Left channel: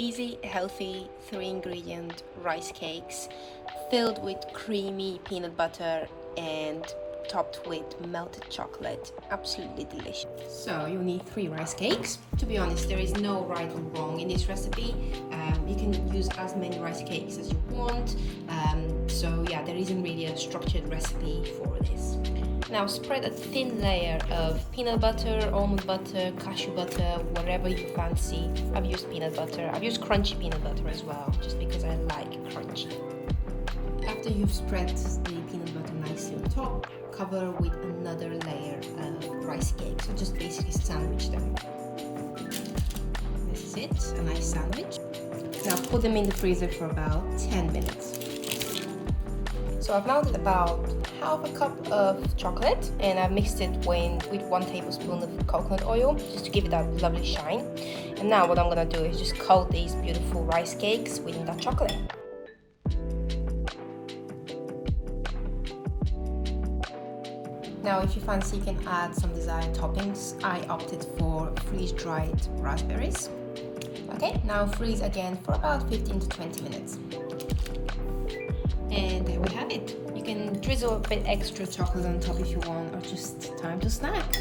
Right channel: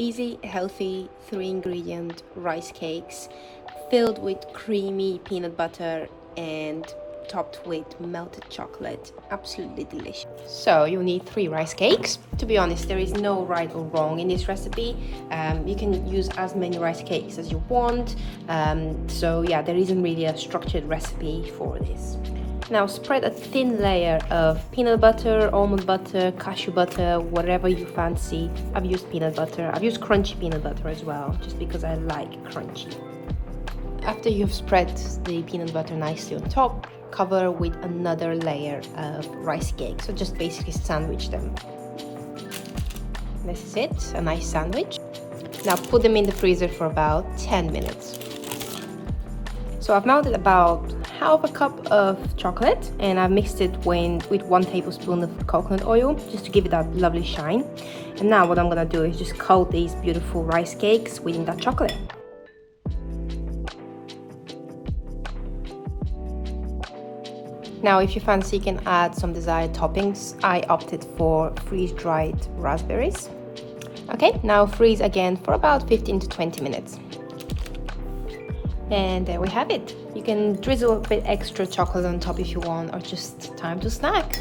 easy, healthy, 3-ingredient rice cakes filled with creamy peanut butter and topped with melted chocolate. Absolutely delicious. So you'll need 3 rice cakes. To be honest, there is no right or wrong in this recipe. You can use as many rice cakes as you want. So yeah, there isn't really a structured recipe for this. Now spread a thin layer of peanut butter, almond butter, cashew butter, whatever you fancy. I've used peanut butter. I've used crunchy peanut butter as well, just because I like crunchy. After you've spread the peanut butter nicely on top, cover with another layer of rice cake. So just basically sandwich them. This is it, a nice sandwich. Now put them in the freezer for about 10 minutes. So I've melted about half a cup of chocolate and I've mixed it with 1 tablespoon of coconut oil just to give it that lovely shine. And now what I'm gonna do is just coat these beautiful rice cakes with that chocolate. Now if you fancy, you can add some desired toppings. I opted for freeze-dried raspberries. Okay, now freeze again for about 15 to 20 minutes. And there we have it. You can drizzle a bit extra chocolate on top if you want, or just time to snack.